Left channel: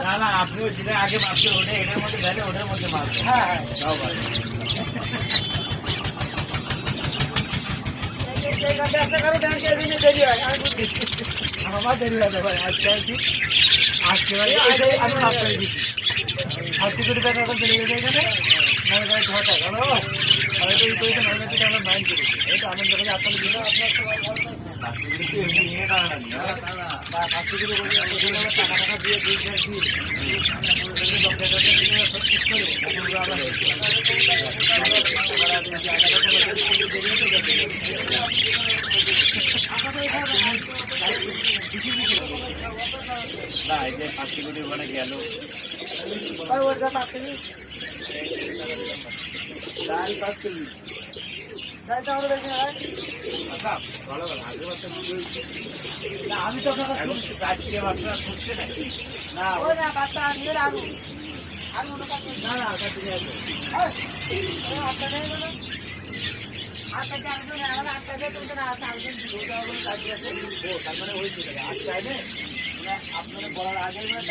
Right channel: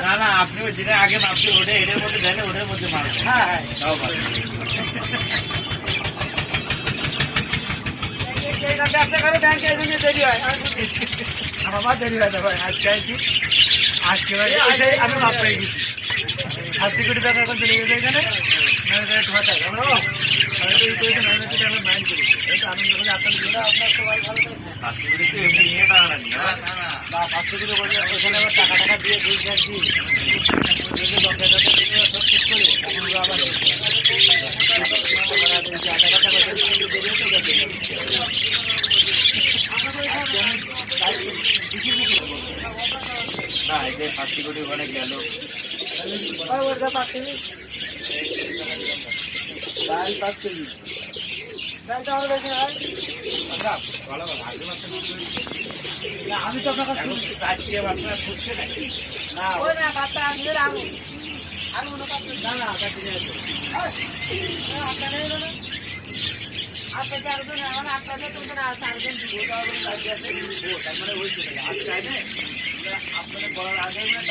না না আপনি যেটা আগে মাপছে ওটা এটার মধ্যে দেন ওটার মধ্যে মারবেন হ্যাঁ হ্যাঁ হয় আমি আমার দেরি হয় ভাই আজকে আজকে ভাই আমি মাপ পেয়ে গেছি আর সিকিউরিটি ব্যাপার এখন চলে গেছে এখানে আপনার সবাই ভালো থাকবে। কাস্টমারকে তো এমনি নিয়ে টানা লাগবে হ্যাঁ? বা পাঁচ সিকিউরিটি ওখানে আবার টাকা টাকা দিয়ে দুই চার দিন। না এই যে ফার্স্ট কোটি ওখানে গেল ওই আমি তো মনে মানে মানে আপনার বলার আগে মানে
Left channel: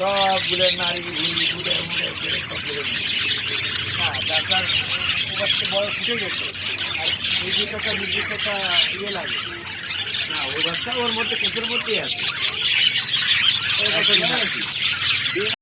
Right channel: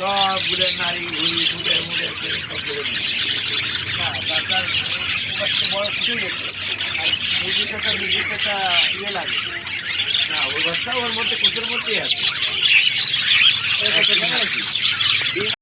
সব গুলের নারী সব করে তারপর বড় ফুটে গেছে আর নিজের একটা নিজের একটা ইয়ে লাগে না ওই বাচ্চা ওর মধ্যে কুকুর মধ্যেই আছে ওই কথা জানো কি